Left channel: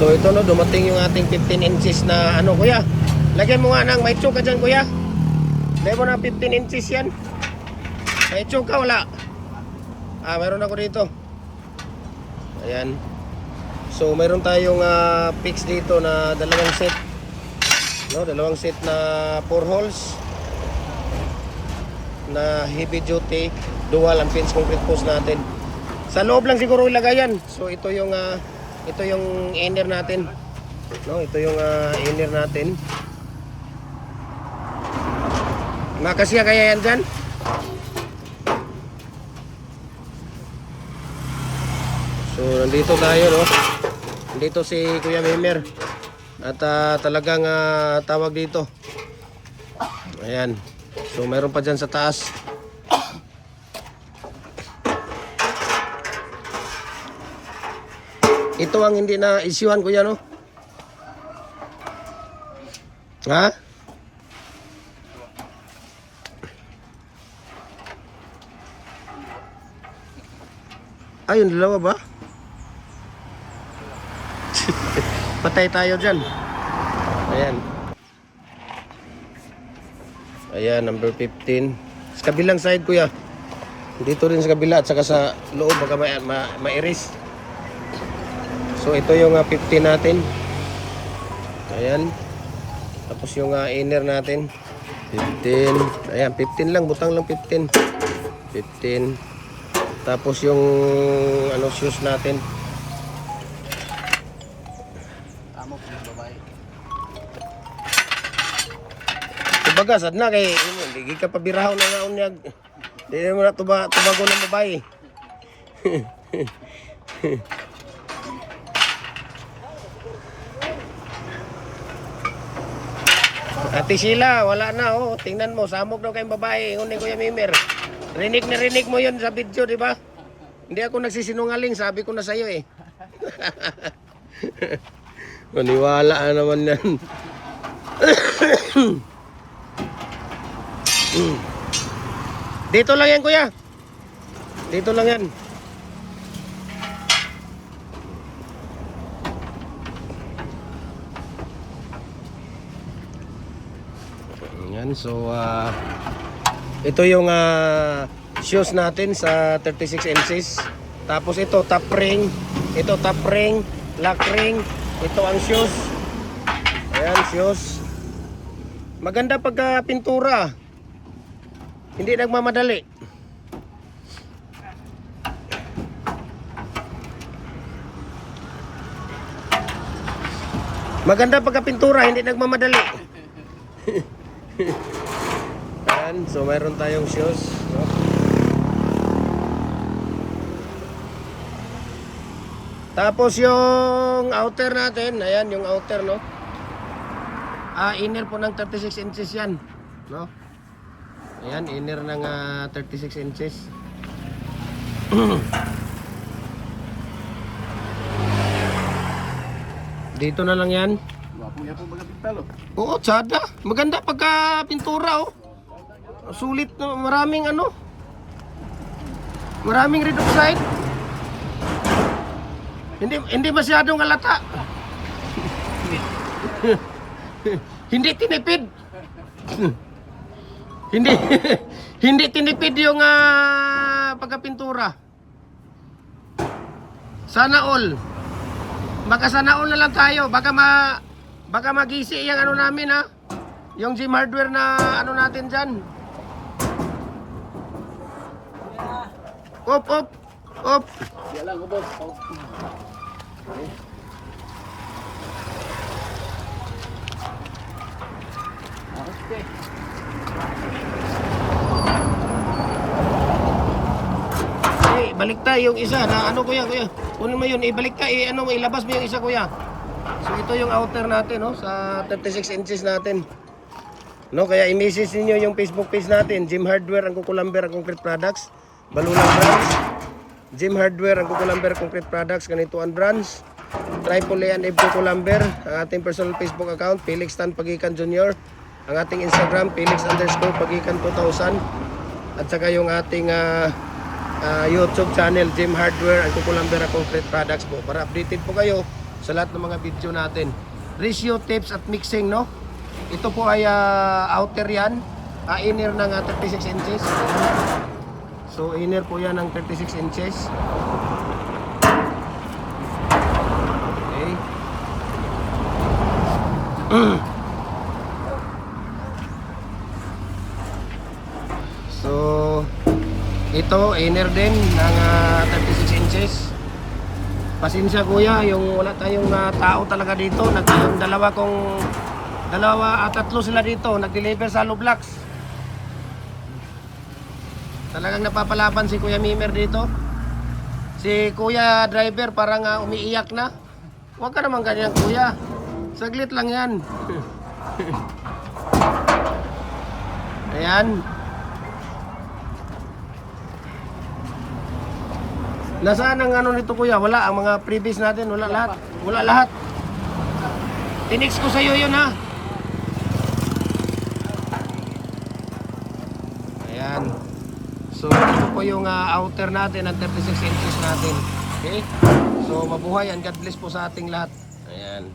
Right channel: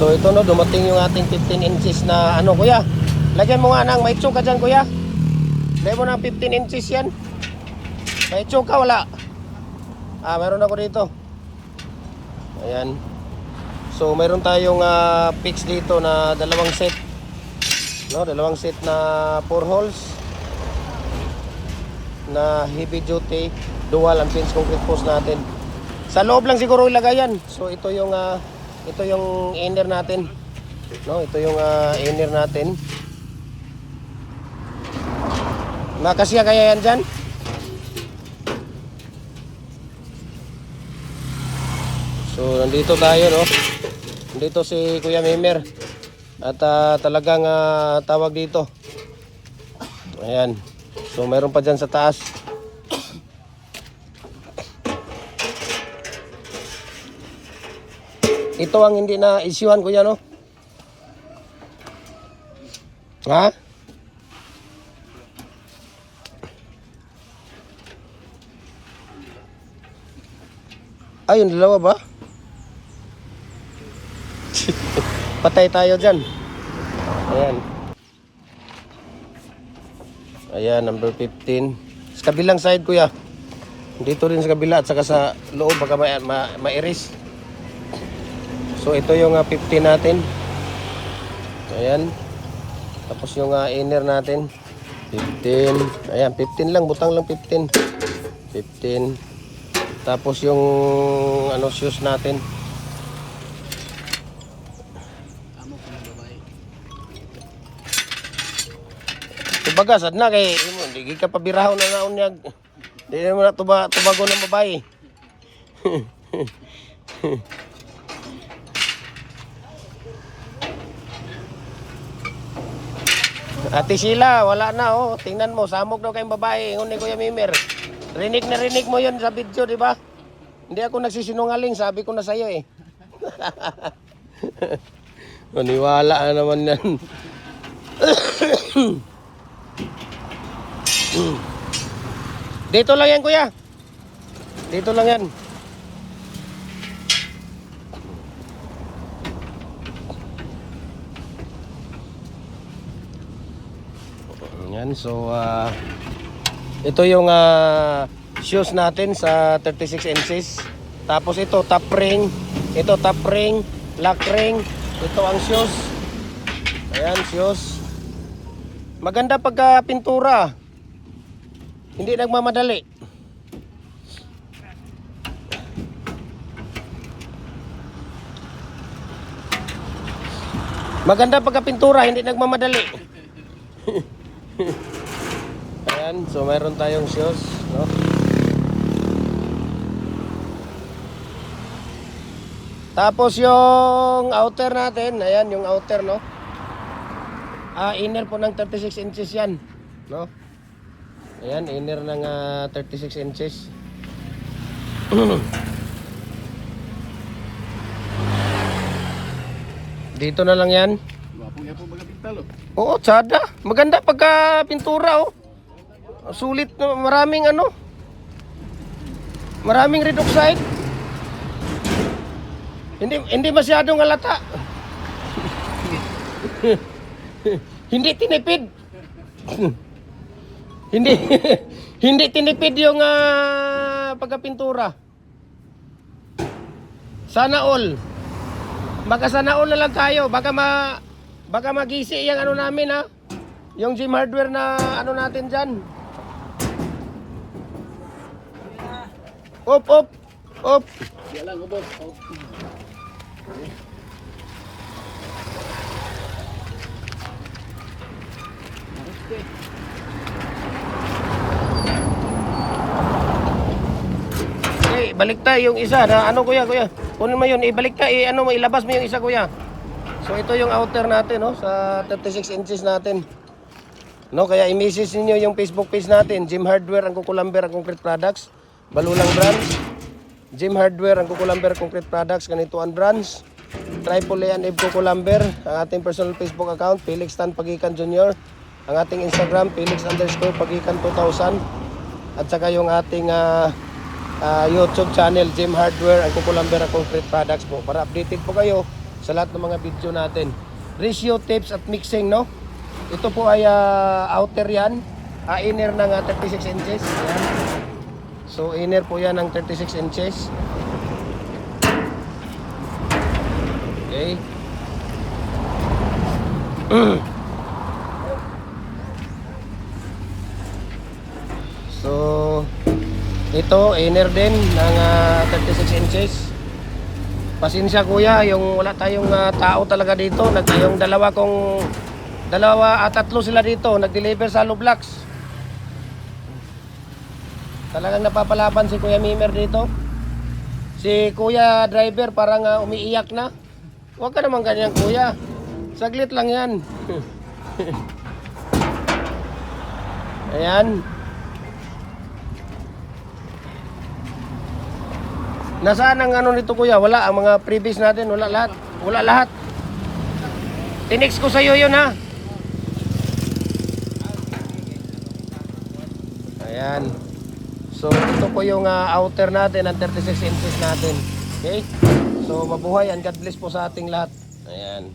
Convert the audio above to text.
So ito no, dumating yung ating 15 inches na ano kuya. Lagyan mo nga ng may choke ka dyan kuya. Lagyan mo ng 15 inches yan. May choke ka wala? Meron ako dito. Ayan. So mayroon tayong fix dito na dalawang set. No, dalawang set na 4 holes na heavy duty dual ang fence concrete post natin. Sa loob lang siguro ilagay yan. So ito yung inner natin. No, ito yung inner natin. Makasya kaya yan dyan? So nandito tayo no. Nandito si Kuya Mimer. At talagang tawag dito. Ayan. So meron pa dyan sa taas. Ito ang hindi na isyuhan kuya no? Ha? Ayun, dalawa ba? Patay tayo dyan. Ayan. Ayan, number 15. Sa kabilang side kuya. Dito rin sa kabila at saka sa loob baka mairis. So ito yung 15 natin. Ayan. Tapos yung inner natin 15. Ayan, 15 lang, butang lang 15. 15. Tapos yung shoes natin. Amo po ng babae. Tubaga sad na kay hindi ka pabirahaw na nga unyag. Di mo na tubago ng babae. Ate Sheila, wala na oh. Tingnan mo, samok daw kayong babae. Ingon ni Kuya Mimer. Rinig na rinig mo yon sa video, di ba? Hindi ako nagsisinungaling, sabi ko na sa'yo eh. Maniwala naman yan. Dito lang yan kuya. Dito lang yan. Yan, so ito yung shoes natin sa 36 inches. Tapos ito top ring, ito top ring, lock ring, ito ang shoes. Ayan, shoes. Maganda pagka pintura. Hindi nagmamadali. Maganda pagka pintura, hindi nagmamadali. Ayan, so mayroon tayong shoes, no? Tapos yung outer natin, ayan yung outer, no? Inner po ng 36 inches yan, no? Ayan, inner ng 36 inches. Dito na lang yan. Wapo niya po mga pintalo. Oo, tsada. Maganda pagka pintura, oh. Sulit, maraming maraming red oxide. Hindi masyadong halata. Hindi tinipid. hindi tinipid yung pagka-pintura. Sana all. Baka sana all na lang tayo. Baka magisi yung namin ha. Yung gym hardware na natin dyan. Op. Yan lang, boss. Balik tayo yung isa na kuya. Kunin mo yun, ibalik tayo, ilabas mo yung isa kuya. So ito yung outer natin no, sa 36 inches natin. No, kaya i-message niyo yung Facebook page natin, Gym Hardware ang Kukulamber ang Concrete Products, Balulang Branch. Gym Hardware ang Kukulamber Concrete Products, ganito ang branch. Triple A and F Kukulamber, ang ating personal Facebook account, Felix Tan Pagikan Jr. Ang ating Instagram, Felix_Pagikan 2000. At saka yung ating YouTube channel, Gym Hardware ang Kukulamber ang Concrete Products po. Para updated po kayo sa lahat ng mga video natin. Ratio, tips at mixing, no? Ito po ay outer yan, inner ng 36 inches. Ayan. So inner po yan ng 36 inches. Okay. So ito inner din ng 36 inches. Pasensya kuya, yung wala tayong tao talaga dito. Yung dalawa at tatlo sila dito nag-deliver sa hollow blocks. Talagang napapalaban si Kuya Mimer dito. Si Kuya driver parang umiiyak na. Huwag ka naman ganyan kuya. Saglit lang yan. Ayan. Nasaan ang ano nito kuya? Wala, ang mga previous natin, wala lahat. Wala lahat. Tinext ko sa iyo yun ha. Ayan. So ito po yung outer natin at 36 inches natin. Okay? So mabuhay and God bless po sa ating lahat. Ayan.